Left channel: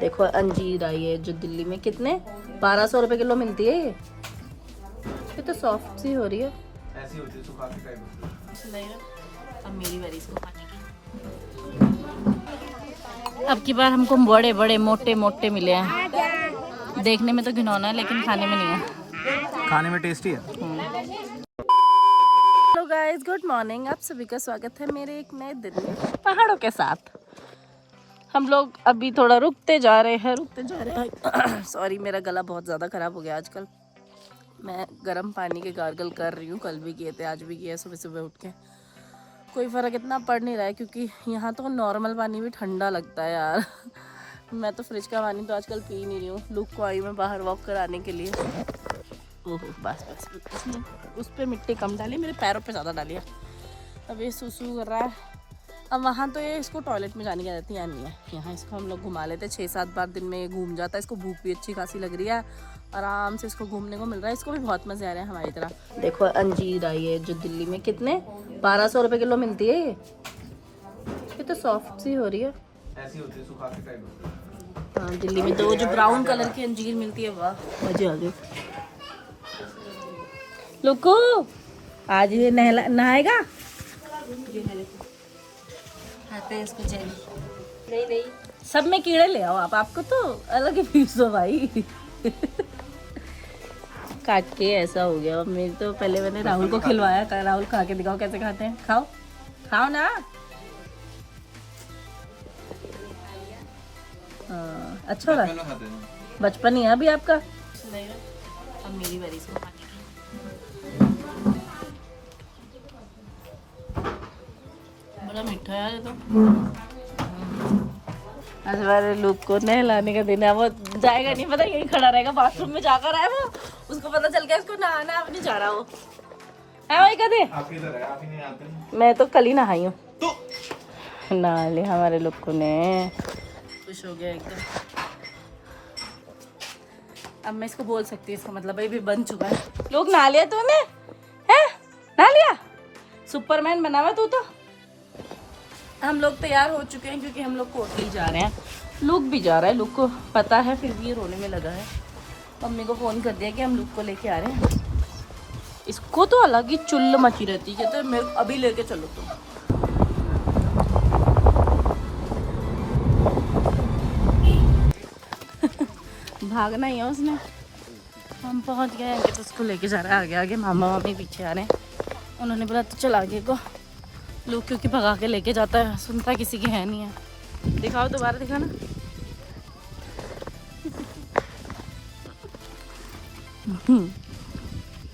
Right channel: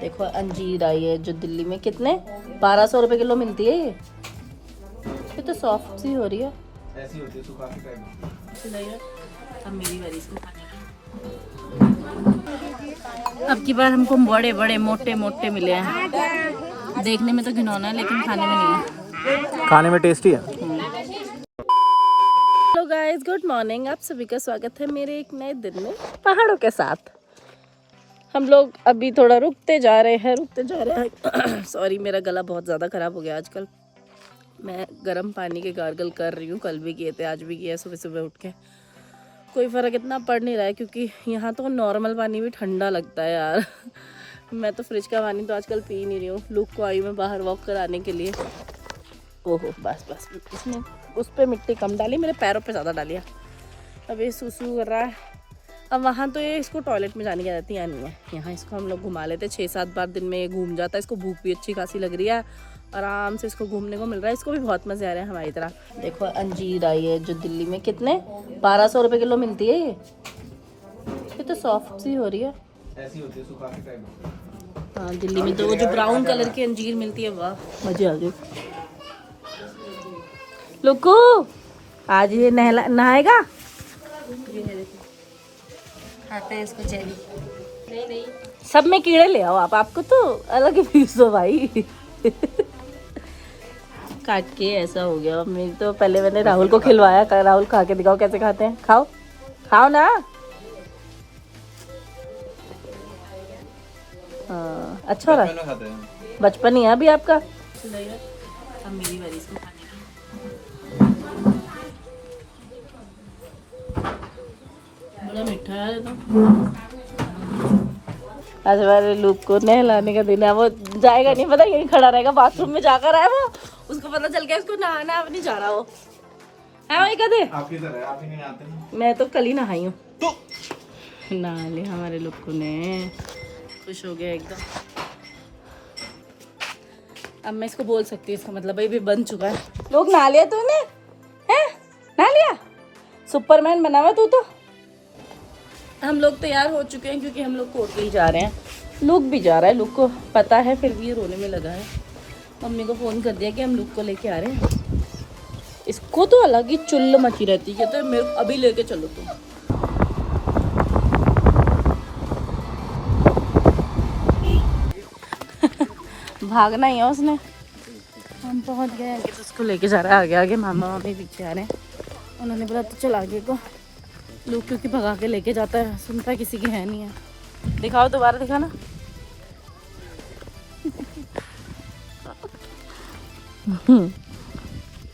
देखो अंजीर आई है जो दिल्ली में कितने 1200 रुपए किलो मिलती है। ये तो सॉफ्ट सी हो रही है, ऐसी होती है सुखाती टाइप। अब मेरी बारी इसको खाने की। अब की बार हमको बड़े बड़े मोटे मोटे मिले हैं। देखने में तो घिनौना है लेकिन खाने में नहीं है। खाने में टेस्टी है। Hello guys, good morning. आप सभी का स्वागत है मेरे एक नए दिन में पहाड़ों के साथ। हम लोग अभी थोड़ा रुकते जा रहे हैं। सॉरी, मेरा गला बहुत ज़्यादा ख़राब हो गया आजकल। मैं गर्म पानी के गार्गल कर रही हूँ, कल भी किए थे, आज भी किया, सुबह सुबह उठ के। कोई फ़र्क इतना पड़ नहीं रहा है क्योंकि यहाँ तो नॉर्मल पानी भी ठंडा लगता है यार। मैं तो फ्रिज का पानी तो आजकल पी नहीं रही हूँ। लुक को आई मैं बाहर वॉक कराने के लिए। ओहो बस इसने उस पर मिट्टी कम डाली, मेरे पैरों पे ज़्यादा डालिया। अब ये सूसू कर रहा है। अब वहाँ तो ये इसको टॉयलेट में जाने की आदत ही नहीं है। यहाँ इसको हम लोग घुमा लेते 6-7 बार दिन में, ये घूम जाता है। इसको भूख भी अच्छी खासी लग रही है, आराम से इसको घूमने को मिल रहा है। इसको भी बहुत मज़े आ रहे हैं हमारी तरह। देखो अंजीर आई है जो दिल्ली में कितने 1200 रुपए किलो मिलती है। ये तो सॉफ्ट सी हो रही है, ऐसी होती है सुखाती टाइप। हाँ दिल्ली में तो जो ब्राउन कलर की अंजीर मिलती है, वाह मजे आ गए। लोको आज ये नहाएगा। इसको नहीं सब में कीड़े ले आओ आप, आपको तो अलग ही फीस हो भाई। काट के ऐसा हो गया। मेरी तो पहले मैंने राहुल को खिलवाया, राहुल खा के दिखाओ कैसे खाते हैं। खाओ खाओ ना। हाँ अच्छा हो रहा है, बचपन ही है अभी आपका। अब मेरी बारी इसको खाने की। बड़ा मीठा है तो। आज हमारे लुक को नहलाने का दिन है। वो जाएगा नहीं, पता यहीं खड़ा रहेगा, बाथरूम में जाकर आए वो। उसको पता चल गया उसको नहाना है, अब नहीं जा रहा वो। है वही कहते आप इधर है, आप ही नहीं आते। मैं तो कल ही नहाई हूँ। नहा लिया हमारे लुक को ने, खुश हो गया एकदम। अब मैं इसको बोल सकती हूँ, इसका मतलब भाई भी बन चुका है। लोग नहा लिया तूने, है नहा लिया, सुपरमैन बना हुआ तू तो। हम लोग तैयार हो चुके हैं क्योंकि हम लोग कोटली जा रहे हैं। लुक भी जा रहा है, लुक को पता है, फिर भी ये रोने में लगा है। मम्मी को फ़ोन कर दिया कि हम लुक को लेके आ रहे हैं। इसको तो अलग ही चुल्ल मची रहती है, कहते हैं मेरे अभी लेके चलो तुम। भागना ही है उसने। हम पहुंच गए हैं कि तो उसको लेके जा रहा है आगे आगे, मामा मामी पीछे आ रहे हैं। उन्होंने बोला तो चल आगे को। लोग क्योंकि भगा के लेके जाता है, सुनता किसी की है नहीं है। दिखाओ दोबारा, दिखाना।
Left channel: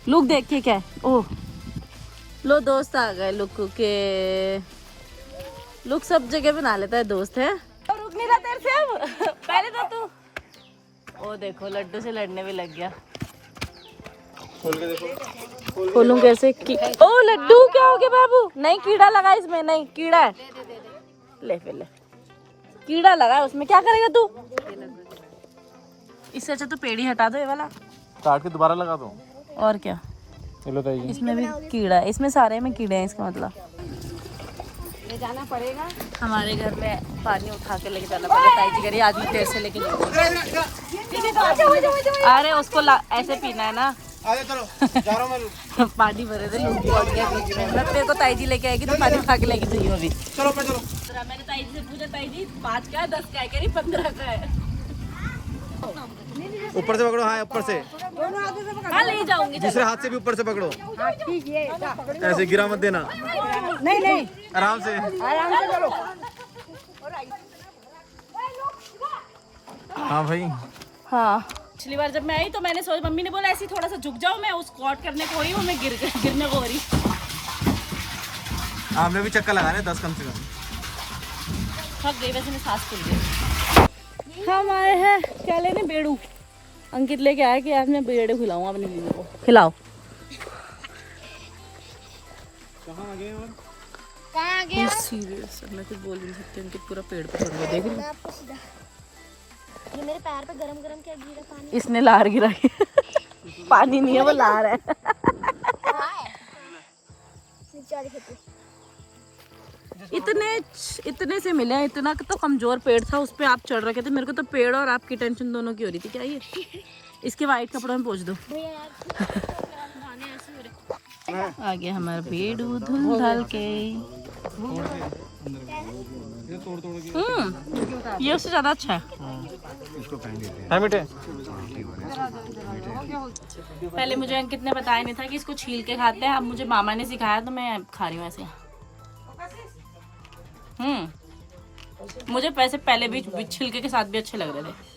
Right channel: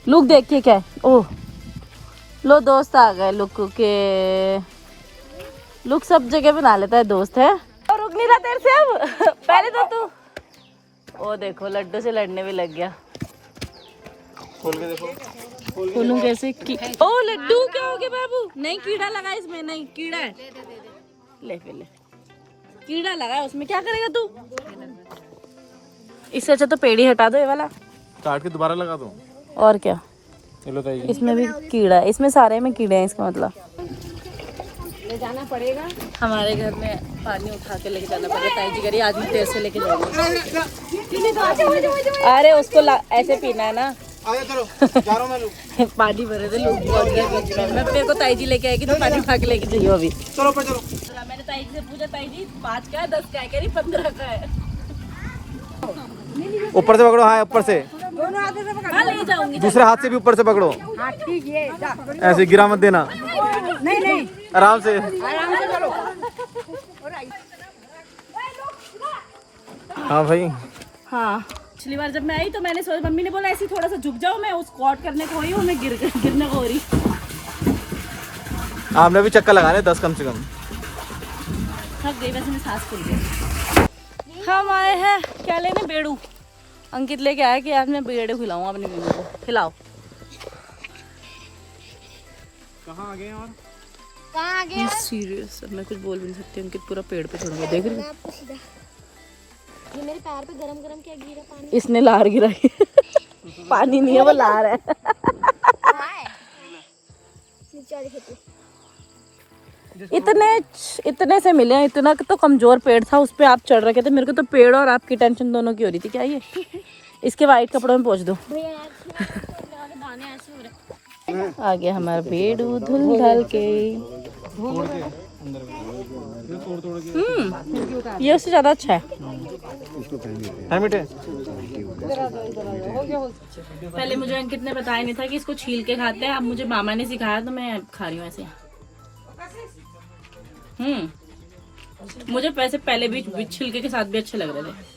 लुक देख के क्या, ओह लो दोस्त आ गए लुक के। लुक सब जगह बना लेता है दोस्त, है और रुक नहीं रहा तेरे से अब। पहले तो तू ओ देखो लड्डू से लड़ने भी लग गया। खोलूं कैसे ओ लड्डू क्या हो गया बाबू? नहीं कीड़ा लगा इसमें, नहीं कीड़ा है। ले फिर ले, कीड़ा लगा है उसमें, क्या करेगा तू? इससे अच्छा तो पेड़ ही हटा दो ये वाला, काट के दोबारा लगा दो। और क्या, चलो ताई, इसमें भी कीड़ा है, इसमें सारे में कीड़े हैं, इसका मतलब ले जाना पड़ेगा। हमारे घर में पानी उठा के लेके जाना पड़ेगा। ताई जी करिए आज मैं तेरे से लेके जाऊंगी। अरे उसको ऐसे पीना है ना। पानी भरे थे, लोग पहुंच गया बीच में। मैं तेरे को ताई जी लेके आएगी तो पानी उठा के लेके जाइए अभी। चलो मैंने ताई जी से पूछा, ताई जी 5 का है 10 का है, कह रही 15 का है। ऊपर से पकड़ो। हाँ ऊपर से, हाँ ले जाऊंगी। दूसरे हाथ से भी ऊपर से पकड़ो, ऐसे गिरा मत देना। नहीं आराम से। हाँ भाई, हाँ पिछली बार जब मैं आई तो मैंने सोचा, मम्मी ने बोला ऐसे थोड़ा सा झुक जाओ, मैं उस स्क्वाट करने को हुई हूँ, मैं गिरने को हो रही। आपने भी चक्कर लगा रहे 10 कम से कम। थक गई वैसे, मैं सांस फूल गई। हम आए हैं क्या लेने, बेड़ू। अंकित लेके आया कि आज मैं बेड़ू खिलाऊंगा अपनी बीवी को। खिलाओ। कहाँ आ गए और? सीरियस, मैं कुछ बोल भी नहीं सकती। अंकित पूरा पेड़ पे खड़ा हुआ देख रही हूँ। ये मेरे पैर पे गरम गरम क्या गिरा पानी? इसने लार गिराई। पानी नहीं है, वो लार है। नीचे वाली खेती। इतने से मिले हैं। इतना तो कमजोर पेड़ था, उस पे आप चढ़ रखे थे। मेरे को तो पेड़ और आपकी टेंशन दोनों की हो रही थी। क्या ये इसके वाइट कपड़ों में पोंछ दो। आ गया हमारा बेड़ू धुल ढल के। ये उससे ज्यादा अच्छा है। पहले मुझे अंकित ने बताया नहीं था कि इसको छील के खाते हैं। अब मुझे मामा ने सिखाया तो मैं खा रही हूँ ऐसे। मुझे वैसे पहले भी छिलके के साथ भी अच्छे लग रहे थे।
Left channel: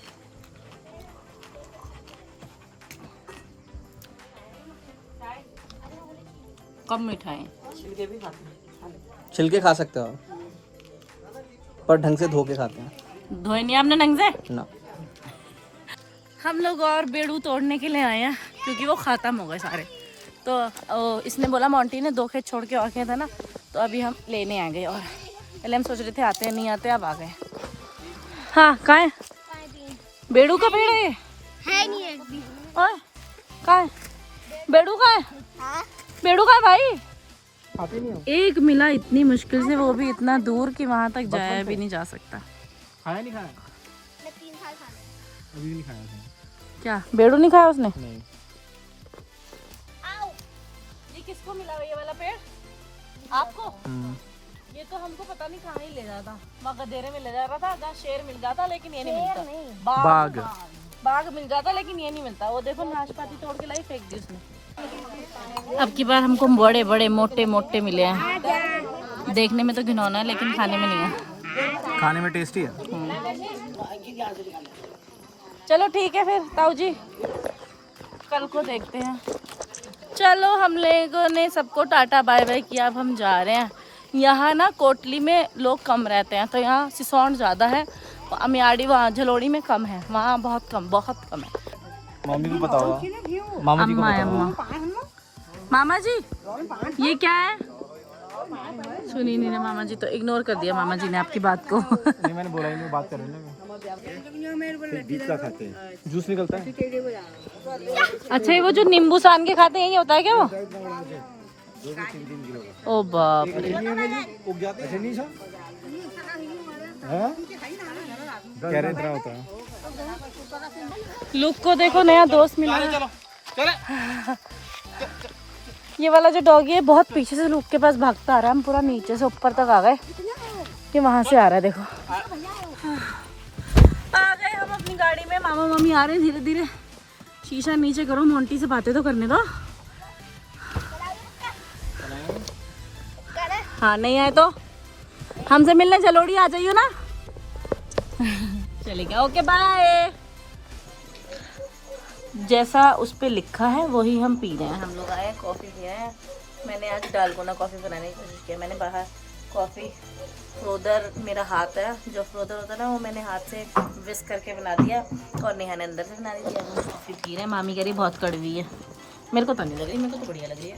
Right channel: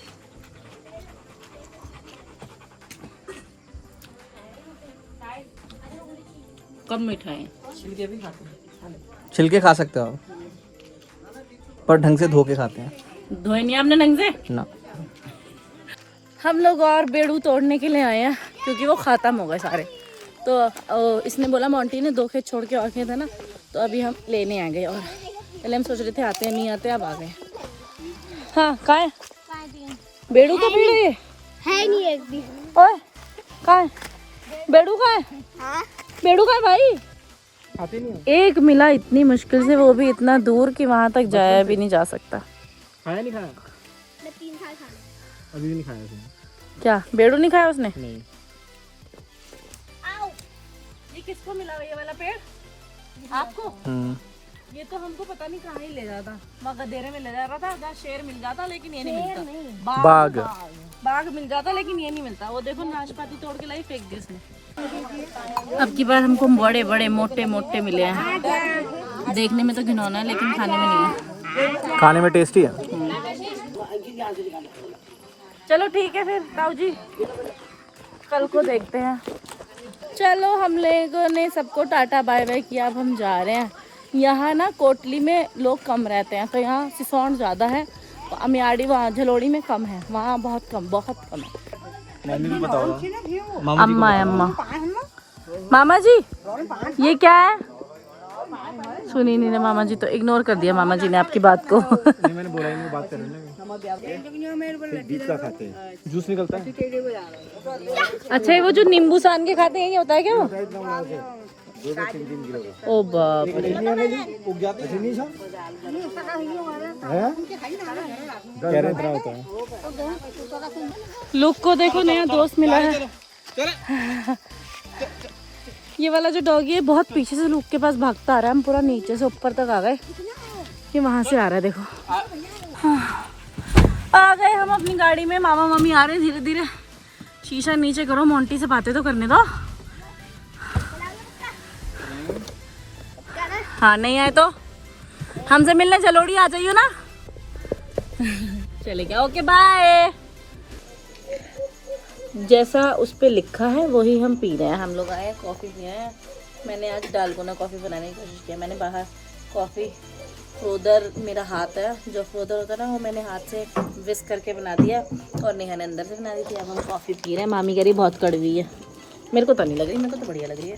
कम मीठा है। छिलके खा सकते हो आप, पर ढंग से धो के खाते हैं। धोए नहीं आपने ढंग से ना। हम लोग और बेड़ू तोड़ने के लिए आए हैं क्योंकि वो ख़त्म हो गए सारे। तो इसने बोला, मोंटी ने 2 खेत छोड़ के और खेत है ना, तो अभी हम लेने आ गए। और पहले हम सोच रहे थे आते हैं नहीं आते, अब आ गए। हाँ कहाँ है बेड़ू का पेड़? है नहीं एक भी। ओए कहाँ है बेड़ू? कहाँ है बेड़ू? कहाँ है भाई? एक मिला इतनी मुश्किल से, वो भी इतना दूर कि वहां तक जाया भी नहीं जा सकता। खाया नहीं खाया? मैं 3 साल खाना। अभी भी नहीं खाया उसने। क्या बेड़ू नहीं खाया उसने? नहीं। ये किसको मिला ये वाला पेड़? आपको? ये तो हमको पता नहीं कहाँ ही ले जाता। वहाँ गधेरे में ले जा रहा था, जहाँ शेर मिल जाता, लेकिन ये नहीं मिलता। बाघ। बाघ मिल जाता लेकिन ये नहीं मिलता। वो देखो नाशपाती तोड़ के लाई फेंक दी उसने। अब की बार हमको बड़े बड़े मोटे मोटे मिले हैं। देखने में तो घिनौना है लेकिन खाने में नहीं है। खाने में टेस्टी है। चलो ठीक है फिर ताऊ जी, कल को देखते हैं। चलो हम लोगों ने सबको टाटा बाय बाय किया। अब हम जा रहे हैं। यहाँ ना कोटली में लोग कम रहते हैं, तो यहाँ सिसौंड ज़्यादा है। अमियाड़ी वहाँ झलोड़ी में कम है, वहाँ बहुत कम है। मम्मी को बताओ। अम्मा है अम्मा। मामा जी ये क्या है? सुनी नहीं ना मामा जी, तो इग्नोर कर दिया मामा जी ने आपकी बात को। मैंने बोला ही नहीं, बात कर रहे हैं। जूस निकलता है। अच्छा ये वो जो नींबू सान के खाते हैं, ये होता है क्या वो? ओ बाप रे। होता है। लुक को देखो, नया दोस्त मिला है। ये वाला जो डॉगी है बहुत पीछे से लुक के पास भागता आ रहा है। हम पूरा नीचे से ऊपर तक आ गए, ये वहां से आ रहा है। देखो आ गए हम अपनी गाड़ी में। मामा मम्मी आ रहे हैं धीरे धीरे। शीशा नीचे करो, मोंटी से बातें तो करने दो। हाँ नहीं आए तो हमसे मिलने चलोड़ी आ जाइयो ना। चले गया, ओके बाय। जैसा उस पे लिखा है वही हम पी रहे हैं। हम लोग आए कॉफ़ी पिए हैं। मैंने आज डालगोना कॉफ़ी बनाने की कोशिश किया। मैंने बाहर कॉफ़ी फ्रोदर, मेरा हाथ है जो फ्रोदर होता है ना, वो मैंने हाथ से विस्क करके बना दिया और नेहा ने अंदर से बना दी थी। अब हम कॉफ़ी पी रहे हैं। मामी कह रही बहुत कड़वी है। मेरे को तो नहीं लग रही, मेरे को तो बढ़िया लग रही है।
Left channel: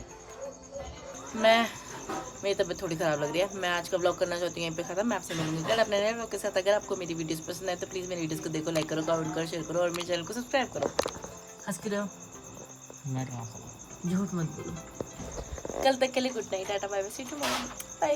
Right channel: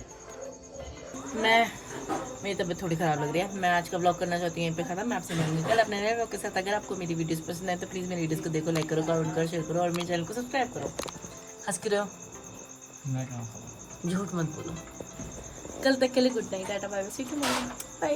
मेरी तबीयत थोड़ी ख़राब लग रही है। मैं आज का ब्लॉग करना चाहती हूँ यहीं पे ख़त्म। मैं आपसे मिलूंगी कल अपने नए ब्लॉग के साथ। अगर आपको मेरी वीडियोस पसंद आए तो प्लीज़ मेरी वीडियोस को देखो, लाइक करो, कमेंट करो, शेयर करो और मेरे चैनल को सब्सक्राइब करो। हंस के रहो, झूठ मत बोलो। कल तक के लिए good night, tata bye bye, see you tomorrow, bye.